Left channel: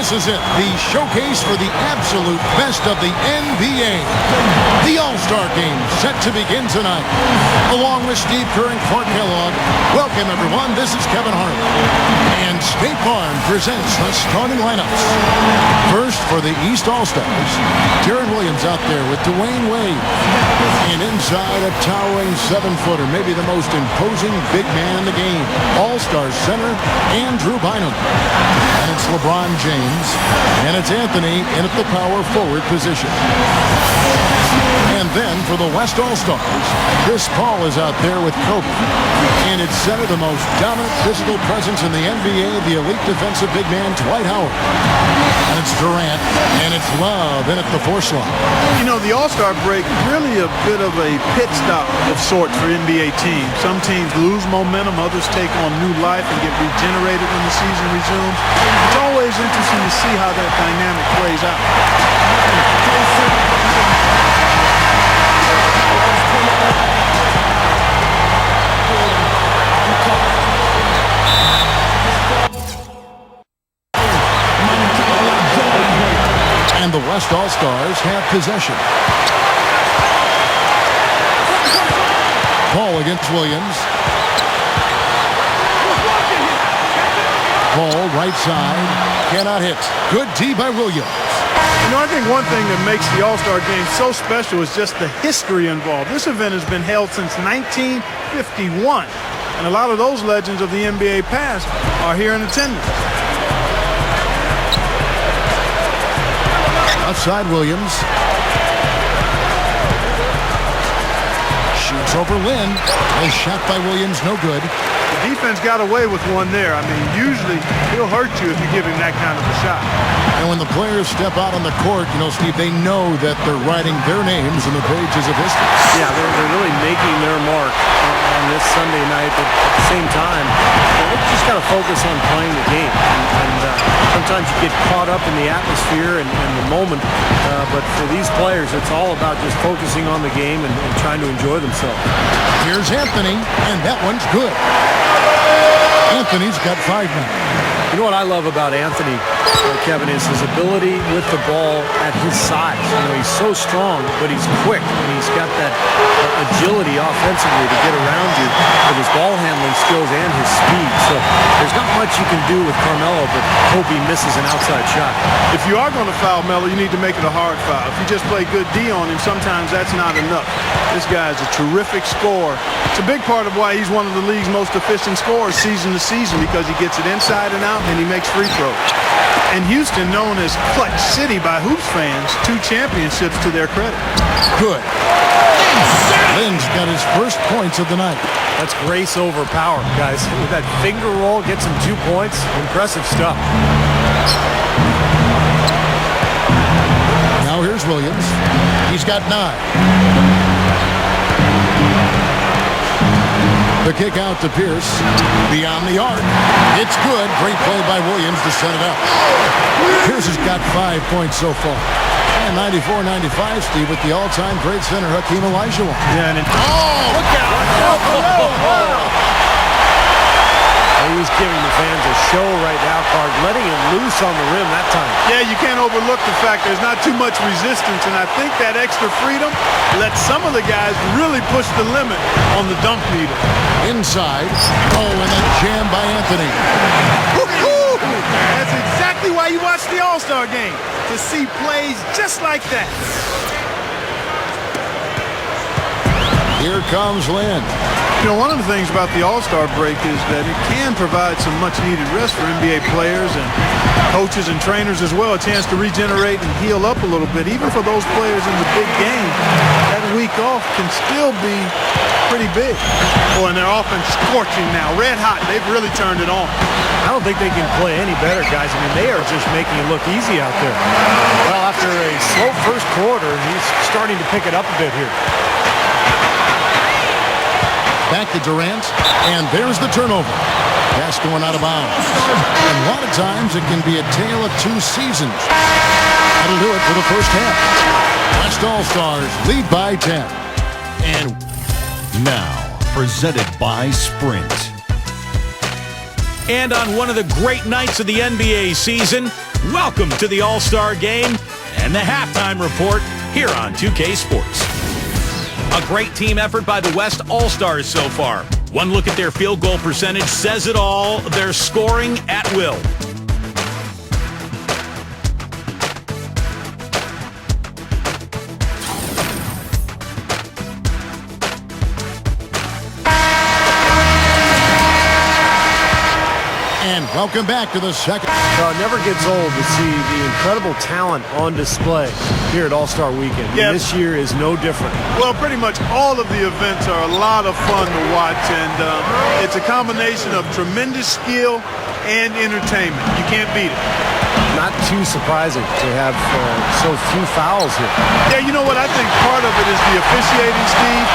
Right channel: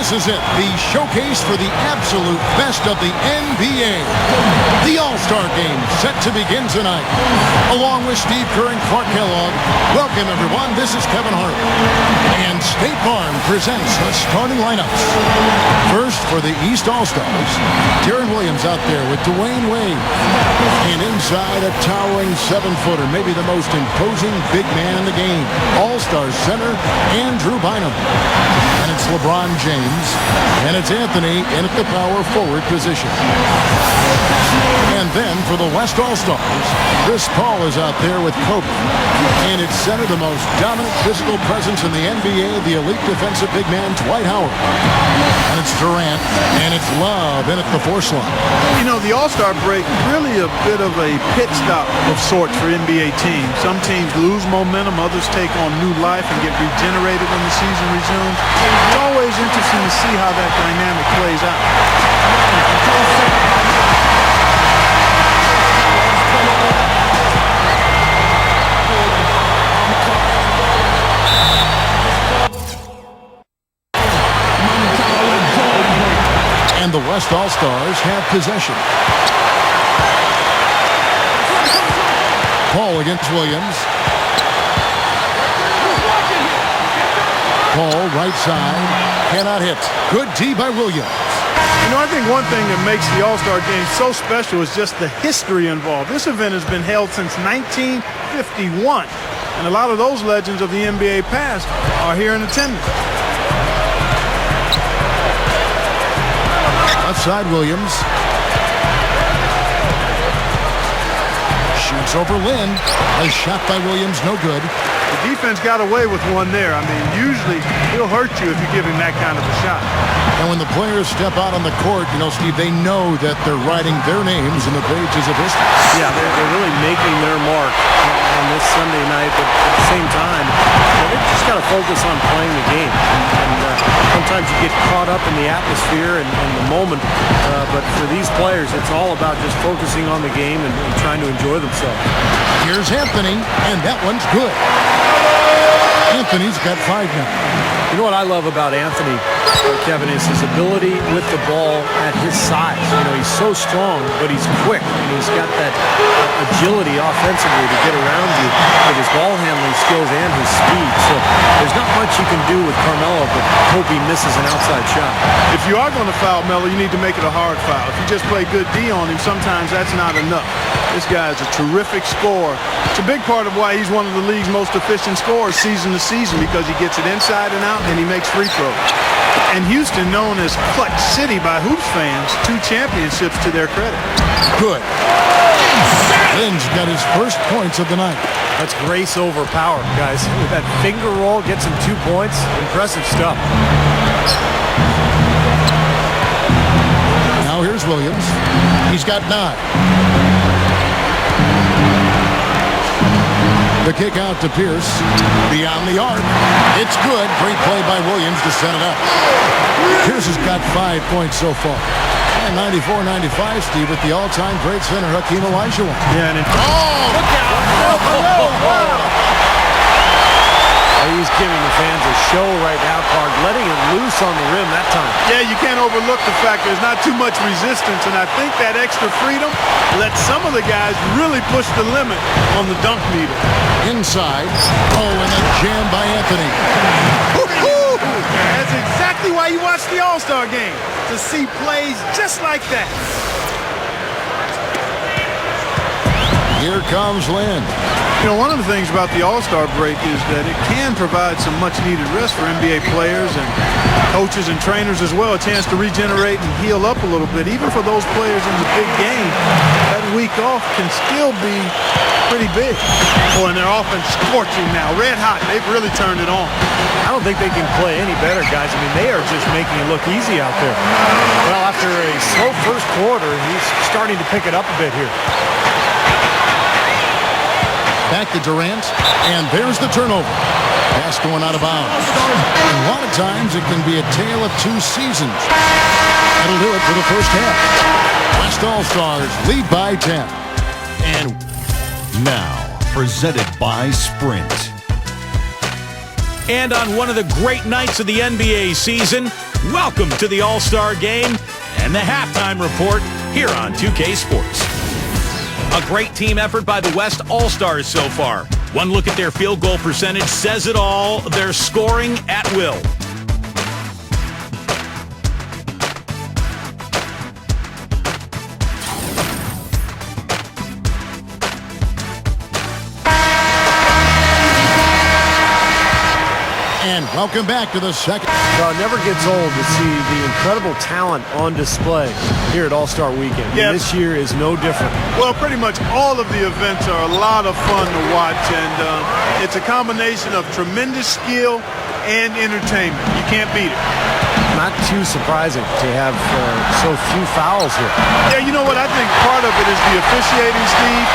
This is it, the showcase for the absolute best of the NBA. The All-Star Game set to begin tonight. Along with Steve Kerr and Clark Kellogg, welcome everyone, this is Kevin Harlan. And State Farm presents the starting lineups. First for the East All-Stars, Darren Williams out there with Dwayne Wade. And inside a towering 7-footer, maybe the most imposing big man in the game, All-Star center Andrew Bynum. And it's LeBron James, and it's Anthony in at the power forward position. And then for the West All-Stars, Chris Paul is out there with Kobe. And it's center, the most dominant physical presence in the NBA, the elite defensive big man, Dwight Howard. And it's Durant, and it's Love in at the 4 slot. You know, the All-Star break, really a bit of a pit stop of sorts for NBA teams. Some teams lose momentum, others take on new life and get regenerated when the season resumes. It's always interesting to see how that dynamic plays out. And the West All-Stars have possession. Paul against Williams. Paul right side, cannot hit. Good D by Williams. You know, I think one thing that makes the All-Star Game so special is just the history involved. This event has been held since 1951, and a lot of those legends of the NBA past are here in attendance. Left side, Williams. Shoots over Lynn. A shot by Williams, no good. The defense got away with one there. I mean, usually he'll hurt you if you give him that kind of a shot. And when the players step out on the court, you know, Steve, they know that they're writing their names in the pages of history. Yeah, they're really making their mark on this Sunday night, but at the same time, you know, they just got to focus on playing the game. And sometimes you get caught up in the atmosphere and the moment, but for these players, it's all about just focusing on the game and trying to enjoy themselves. Here's Anthony, and that one's good. Anthony's got 5 now. You know what I love about Anthony, Kevin, is his ability with the ball at his size. You know, he's so strong, but he's quick, and he's got that agility offensively to get around you with his ball handling skills and his speed. So there's not much you can do with Carmelo, but hope he misses an outside shot. If you are going to foul Melo, you need to make it a hard foul. If you just play good D on him, sometimes that's not enough. This guy is a terrific scorer. It's a big part of why he's one of the league's most efficient scorers season to season, because he gets it inside and out and he makes free throws. And Houston, known as Clutch City by Hoops fans, 2 championships to their credit. Good. Lynn's got his first points of the night. That's grace over power, guys. With that finger roll, gets him 2 points. Impressive stuff. Now here's Williams. He's got 9. The kick out to Pierce. Beyond the arc. It's good. Great play by Williams to set it up. Pierce has got 5 points so far. And 94-95, Steve, with the all-time great center, Hakeem Olajuwon. Yeah, and oh, look out! He's giving the fans a show right now, Clark, letting it loose on the rim that time. Yeah, you can't overlook the fact there's not too much resistance, and I think that extra freedom lets some of the guys really push the limit on the dunk meter. Inside. Oh, and a jam by Anthony. That's exactly why you watch the All-Star Game, to see plays just like that. Here comes Lynn. You know, one of the things about the All-Star break is that it can provide some much-needed rest for NBA players and coaches and trainers as well, a chance to regenerate and heal up a little bit. Even for those players in the big game, that week off can still be pretty big. Oh, and their offense scorching now, red hot. They've really turned it on. I don't think they can play any better, guys. I mean, they are just making it look easy out there. Well, after a slow first quarter, he's starting to pick it up a bit here. Back to Durant, and there's the turnover. Pass going out of bounds. And a lot of times it can be a tale of 2 seasons. That'll do it for the first half. West All-Stars lead by 10. And now, presented by Sprint. And on one of the great nights of the NBA season, Welcome to the All-Star Game and the halftime report here on 2K Sports. A great team effort by the West All-Stars so far. One look at their field goal percentage says it all. They're scoring at will. And welcome back to the second. Well, it never gets old to see the incredible talent on display here at All-Star Weekend. Yeah. And this year is no different. Well, pretty much all of the events are a lot of fun to watch, and it's a combination of tremendous skill and entertainment. You can't beat it. Not too surprising to have so few fouls here. Yeah, you know what? I think part of it is the officiating, Steve.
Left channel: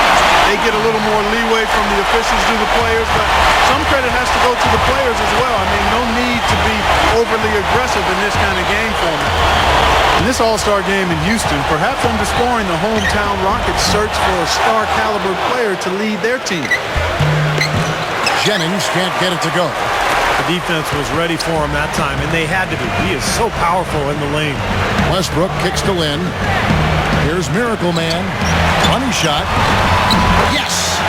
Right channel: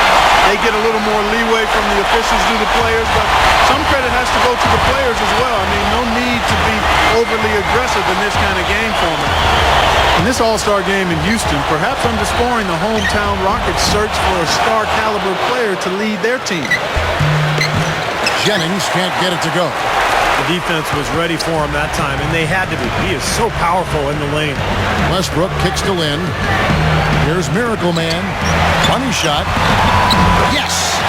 They get a little more leeway from the officials to the players, but some credit has to go to the players as well. I mean, no need to be overly aggressive in this kind of game format. In this All-Star game in Houston, perhaps underscoring the hometown Rockets' search for a star-caliber player to lead their team. Jennings can't get it to go. The defense was ready for him that time, and they had to be. He is so powerful in the lane. Westbrook kicks to Lynn. Here's Miracle Man. Funny shot. Yes!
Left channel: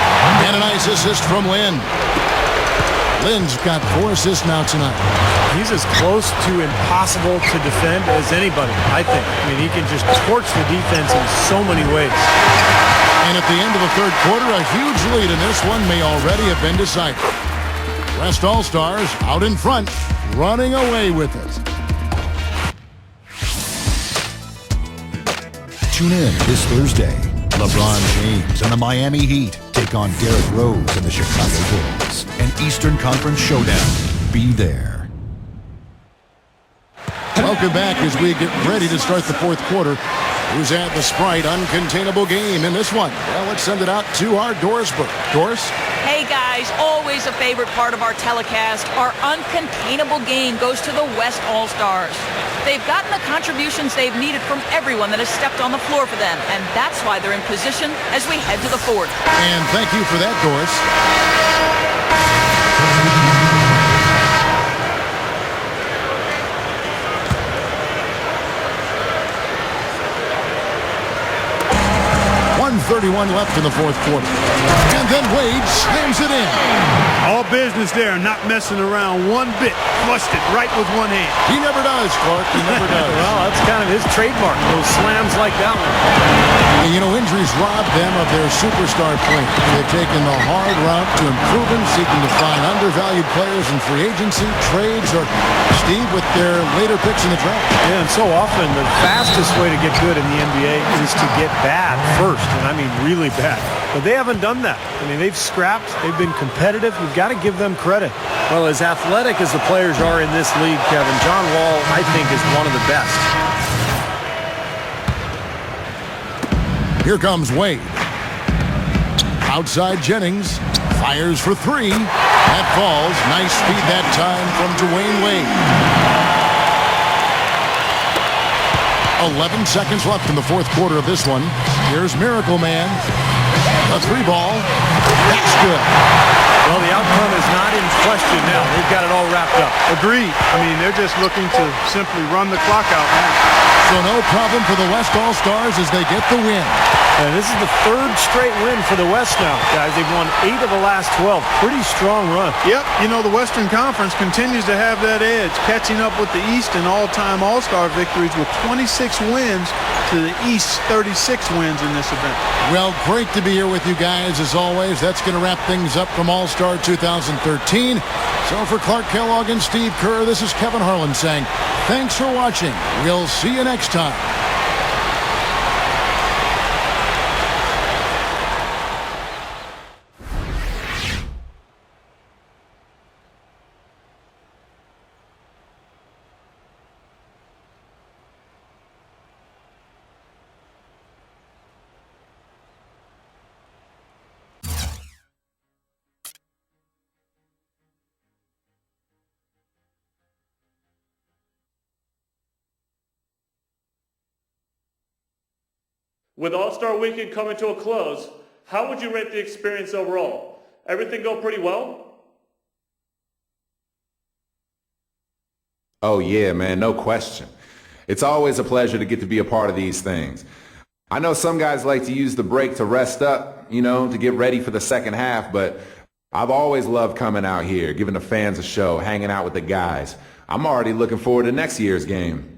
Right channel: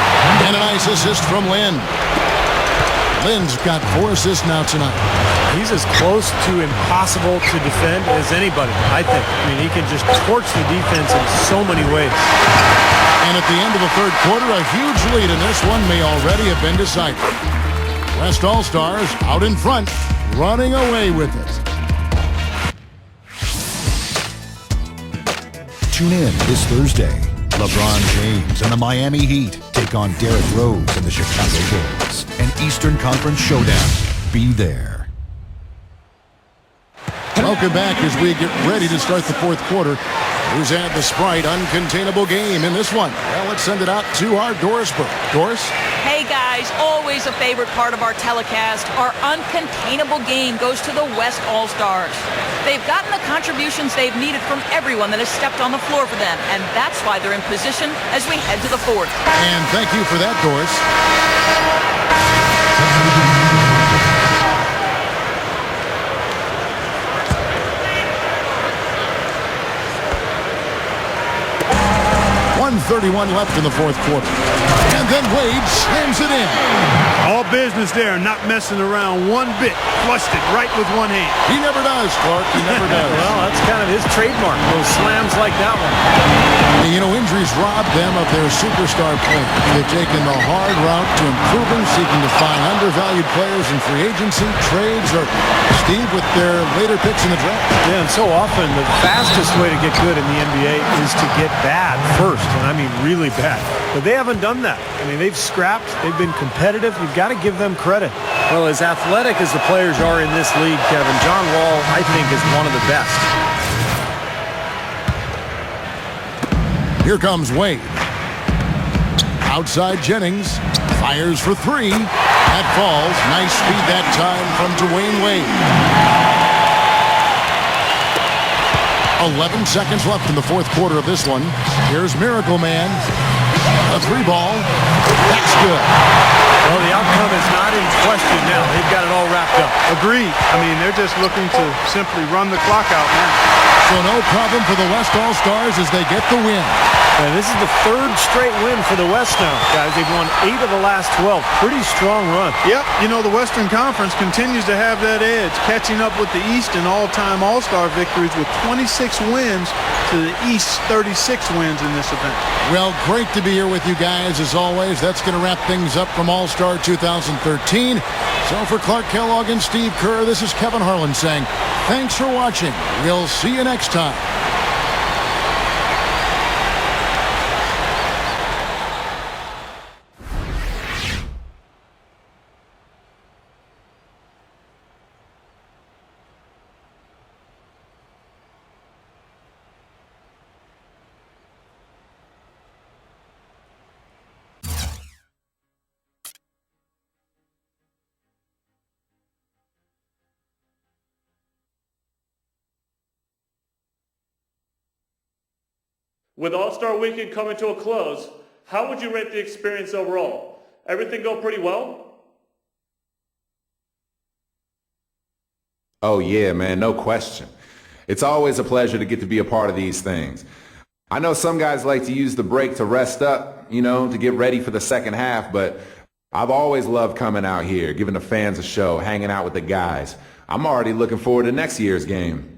And a nice assist from Lynn. Lynn's got 4 assists now tonight. He's as close to impossible to defend as anybody, I think. I mean, he can just torch the defense in so many ways. And at the end of the third quarter, a huge lead in this one may already have been decided. West All-Stars out in front, running away with it. Tune in this Thursday. LeBron James and the Miami Heat take on Derrick Rose and the Chicago Bulls. An Eastern Conference showdown. Be there. Welcome back as we get ready to start the fourth quarter. Who's had the Sprite uncontainable game in this one? Well, let's send it out to our Dorisburg. Doris? Hey guys, always a favorite part of our telecast. Our uncontainable game goes to the West All-Stars. They've gotten the contributions they've needed from everyone that has stepped on the floor for them, and that's why they're in position as we head to the fourth. And thank you for that, Doris. .131 left in the fourth quarter. And then Wade slams it in. All business there, not messing around one bit. Flushed it right with one hand. He never does, Clark. He never does. Well, that's kind of his trademark, those slams like that one. And, you know, injuries robbed them of their superstar players. They've taken the hard route to improving, seeking to find undervalued players in free agency, trades, or, Steve, with their later picks in the draft. Yeah, and so often the fastest way to get good in the NBA is to get bad first, and I mean really bad. But they haven't done that. I mean, they've scrapped. They've been competitive. You've got to give them credit. Well, as athletic as the players are in this league, Kevin, John Wall, I think, is one of the best. Here comes Wade. Outside Jennings. Fires for 3. That falls. Nice speed that time from Dwayne Wade. 11 seconds left in the fourth quarter of this one. Here's Miracle Man. A 3-ball. That's good. Well, the outcome is not in question now. They've got it all wrapped up. Agreed. I mean, they're just looking to simply run the clock out now. So no problem for the West All-Stars as they get the win. And this is the third straight win for the West now, guys. They've won 8 of the last 12. Pretty strong run. Yep, you know, the Western Conference continues to have that edge, catching up with the East in all-time All-Star victories with 26 wins to the East's 36 wins in this event. Well, great to be here with you guys as always. That's going to wrap things up from All-Star 2013. So for Clark Kellogg and Steve Kerr, this is Kevin Harlan saying thanks for watching. We'll see you next time. With All-Star Weekend coming to a close, how would you rate the experience overall? Everything go pretty well? Oh, yeah, man, no question. It's always a pleasure to get to be a part of these things. I know some guys like to use the break to rest up, to get ready for the second half, but I've always loved coming out here, giving the fans a show, hanging out with the guys. I'm already looking forward to next year's game.